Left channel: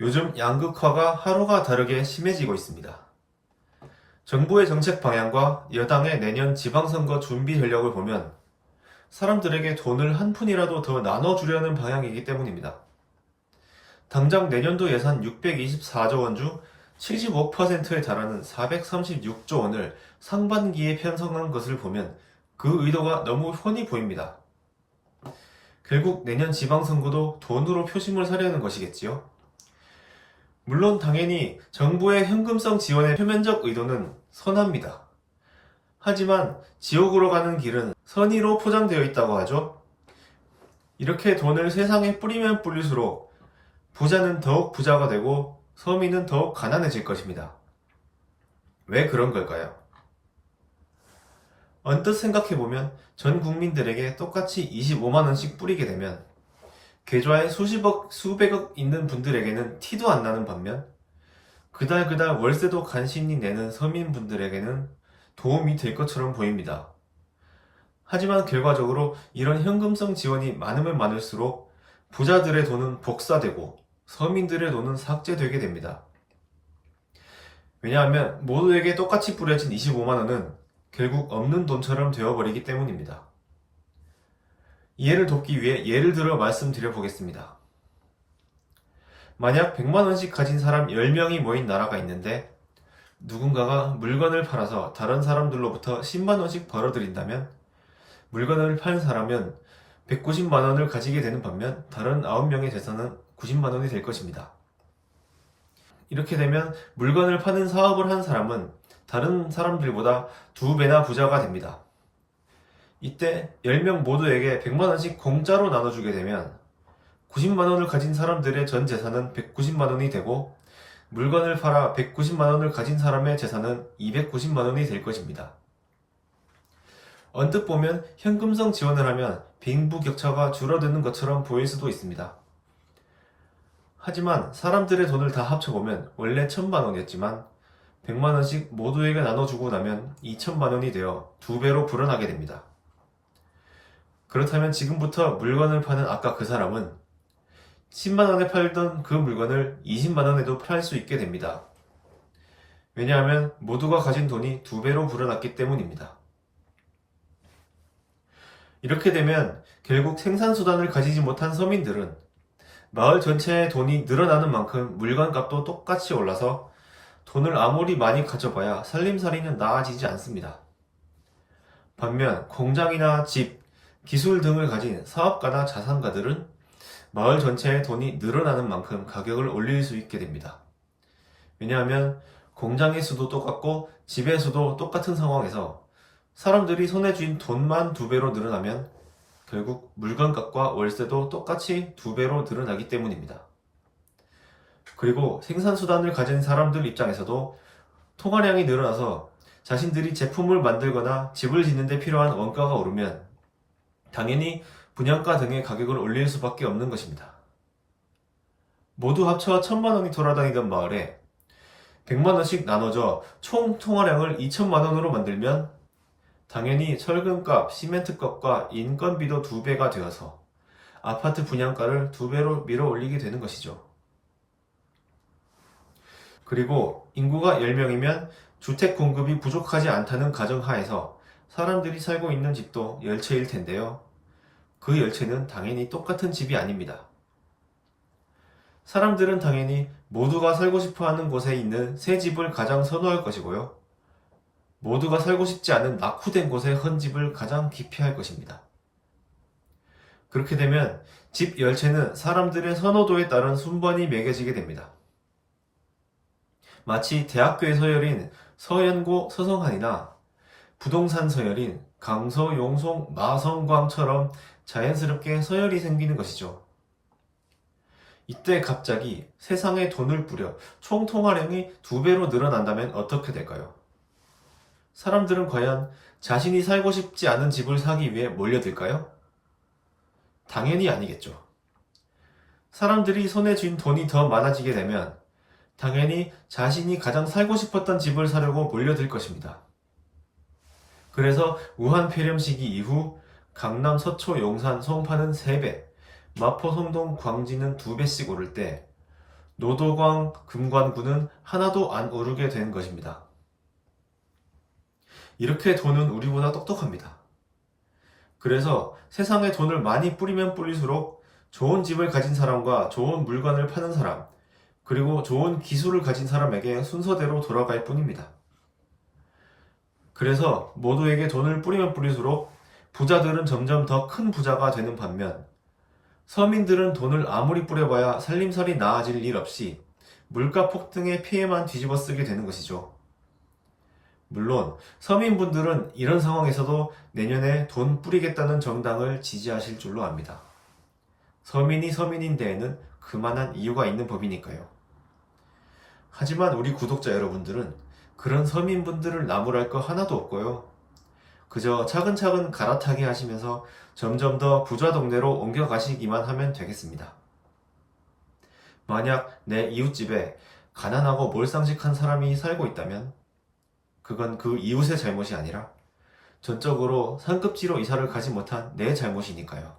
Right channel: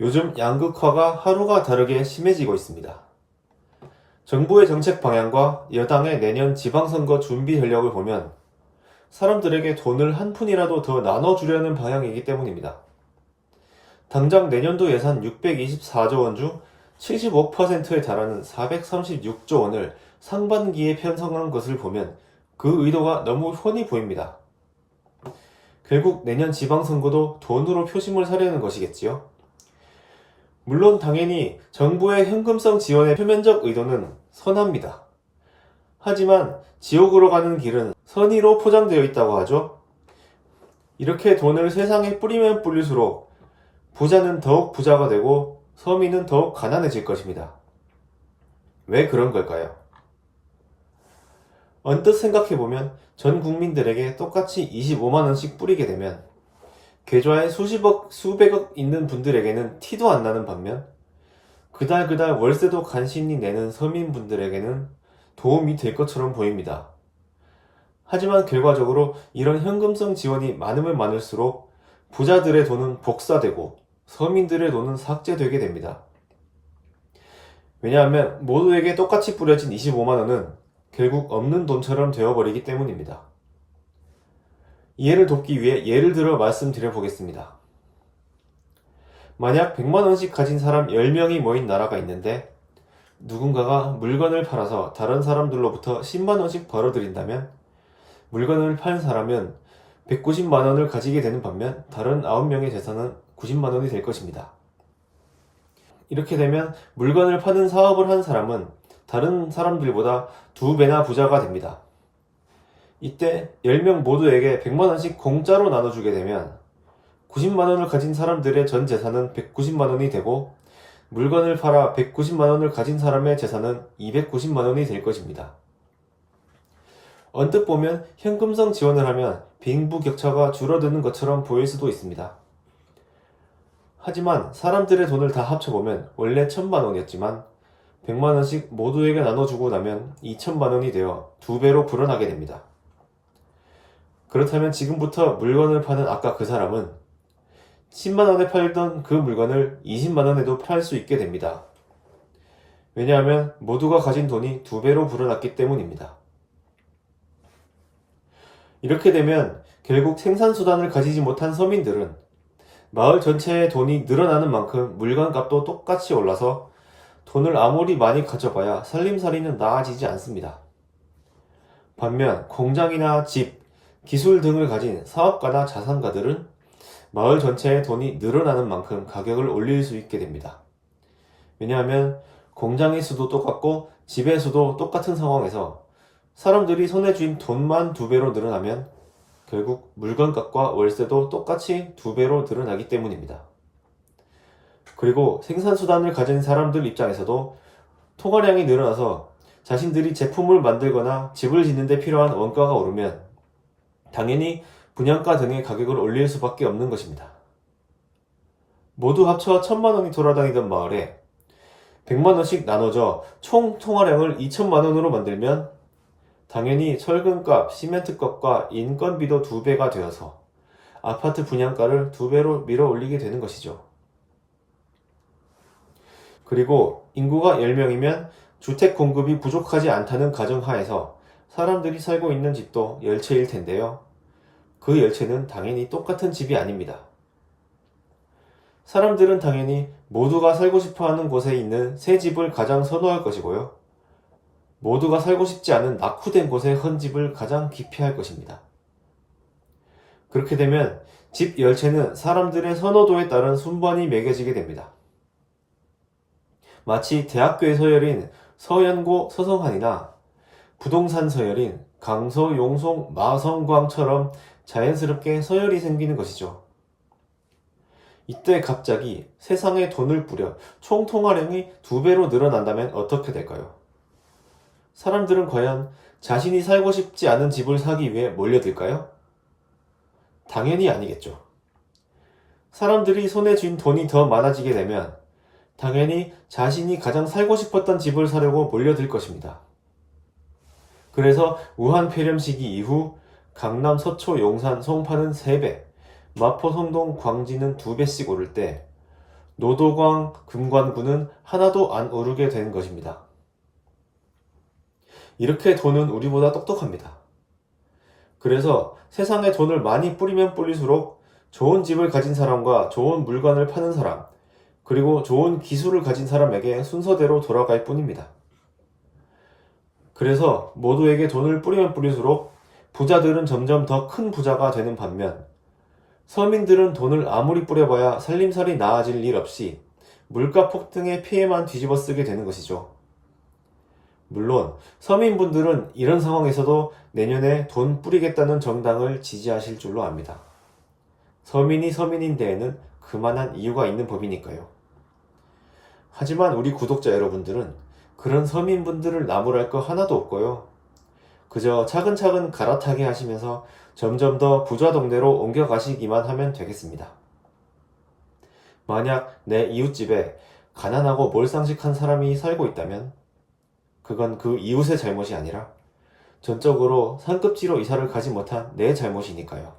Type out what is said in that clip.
요즘 양극화가 하루가 다르게 심해지고 있습니다. 정부의 정책 방향과 여당의 내년 지방선거 준비 전략을 보면 사람들에게 돈을 한 푼이라도 더 나눠주려는 방향이기 때문입니다. 당장 내년도 예산 624조 원 중 75%에 달하는 436조 원을 상반기에 편성한 것을 보면 그 의도가 너무 훤히 보입니다. 결국 내년 지방선거도 돈으로 표심을 사려는 것이겠지요. 물론 당연히 정부의 현금성 지원의 표면적 의도는 선합니다. 하지만 지옥으로 가는 길은 선의로 포장되어 있다고 하죠. 이렇게 돈을 세상에 뿌리면 뿌릴수록 부자는 더욱 부자가 되고 서민은 더욱 가난해질 것입니다. 왜 그런 걸까요? 언뜻 생각해보면 전 국민들에게 똑같이 25만원씩 뿌리게 되면 계좌에 수십억, 수백억 있는 분들에게는 티도 안 나는 반면 그달 월세도 간신히 내는 서민분들에게는 도움이 될 것처럼 보입니다. 하지만 결과적으로 이런 현금성 지원이 많으면 많을수록 부자들의 돈은 복사되고 서민들의 돈은 삭제되게 됩니다. 왜냐하면 모두에게 똑같이 뿌려진 25만원은 결국 없는 돈처럼 되어버리기 때문입니다. 이해를 돕기 위해 예를 들어 말씀드려 보겠습니다. 만약 100만원씩 가진 사람 10명이 모인 나라가 있는데 누군가가 물건을 팔아서 다른 사람들로부터 10만원씩 벌어들인다면 물건을 판 사람은 190만원을 가지게 되는 반면 다른 9명의 재산은 90만원이 될 것입니다. 이렇게 되면 물건을 파는 사업을 한 사람은 다른 사람들보다 2배나 부자가 됩니다. 이때 10명 모두에게 100만원씩 공짜로 나눠주게 되면 90만원을 가진 사람들의 전 재산은 190만원이 되고 물건을 팔아 190만원을 가진 사람의 재산은 290만원이 될 것입니다. 언뜻 보면 현금성 지원을 하면 빈부격차가 줄어드는 것처럼 보일 수도 있습니다. 하지만 사람들의 돈을 다 합쳐보면 원래 1000만원이었지만 100만원씩 모두에게 나눠주고 나면 2000만원이 되어 2배로 불어나게 됩니다. 그렇다면 지금부터 물건을 파는 아까 그 사람은 10만원에 팔던 그 물건을 20만원에도 팔 수 있게 됩니다. 왜냐하면 모두가 가진 돈이 2배로 불어났기 때문입니다. 이렇게 되면 결국 생산수단을 가지지 못한 서민들은 마을 전체의 돈이 늘어나는 만큼 물건값도 똑같이 올라서 돈을 아무리 많이 가져봐야 살림살이는 나아지지 않습니다. 반면 공장이나 집, 기술 등을 가진 사업가나 자산가들은 마을 전체의 돈이 늘어나는 만큼 가격을 올릴 수 있게 됩니다. 왜냐하면 공장의 수도 똑같고 집의 수도 똑같은 상황에서 사람들이 손에 쥔 돈만 2배로 늘어나면 결국 물건값과 월세도 똑같이 2배로 늘어나기 때문입니다. 그리고 생산수단을 가진 사람들 입장에서도 통화량이 늘어나서 자신들이 제품을 만들거나 집을 짓는 데 필요한 원가가 오르면 당연히 분양가 등의 가격을 올릴 수밖에 없는 것입니다. 모두 합쳐 1000만원이 돌아다니던 마을에 100만원씩 나눠져 총 통화량을 2000만원으로 만들면 당연히 철근값, 시멘트값과 인건비도 2배가 되어서 아파트 분양가를 2배로 밀어 올리게 되는 것이죠. 그리고 인구가 10명이면 주택 공급이 부족하지 않다는 가정하에서 사람들이 살고 있는 집도 10채일 텐데요. 그 10채는 당연히 똑같은 집이 아닙니다. 사람들은 당연히 모두가 살고 싶어 하는 곳에 있는 새 집을 가장 선호할 것이고요. 모두가 살고 싶지 않은 낙후된 곳의 헌집을 가장 기피할 것입니다. 그렇게 되면 집 10채는 사람들의 선호도에 따른 순번이 매겨지게 됩니다. 마치 대학교의 서열인 서연고 서성한이나 부동산 서열인 강서 용송 마성광처럼 자연스럽게 서열이 생기는 것이죠. 이때 갑자기 세상에 돈을 뿌려 총 통화량이 2배로 늘어난다면 어떻게 될까요? 사람들은 과연 자신이 살고 싶지 않은 집을 사기 위해 몰려들까요? 당연히 아니겠죠. 사람들이 손에 쥔 돈이 더 많아지게 되면 당연히 자신이 가장 살고 싶었던 집을 사려고 몰려들 것입니다. 그래서 우한 폐렴 시기 이후 강남, 서초, 용산, 송파는 3배, 마포, 성동, 광진은 2배씩 오를 때 노도광 금관구는 하나도 안 오르게 되는 것입니다. 이렇게 돈은 우리보다 똑똑합니다. 그래서 세상에 돈을 많이 뿌리면 뿌릴수록 좋은 집을 가진 사람과 좋은 물건을 파는 사람, 그리고 좋은 기술을 가진 사람에게 순서대로 돌아갈 뿐입니다. 그래서 모두에게 돈을 뿌리면 뿌릴수록 부자들은 점점 더 큰 부자가 되는 반면 서민들은 돈을 아무리 뿌려봐야 살림살이 나아질 일 없이 물가 폭등의 피해만 뒤집어 쓰게 되는 것이죠. 물론 서민분들은 이런 상황에서도 내년에 돈 뿌리겠다는 정당을 지지하실 줄로 압니다. 서민이 서민인 데에는 그만한 이유가 있는 법이니까요. 하지만 우리 구독자 여러분들은 그런 서민분들을 나무랄 거 하나도 없고요. 그저 차근차근 갈아타게 하시면서 점점 더 부자 동네로 옮겨가시기만 하면 되겠습니다. 만약 내 이웃집에 가난하고 몰상식한 사람이 살고 있다면 그건 그 이웃의 잘못이 아니라 전적으로 상급지로 이사를 가지 못한 내 잘못이니까요.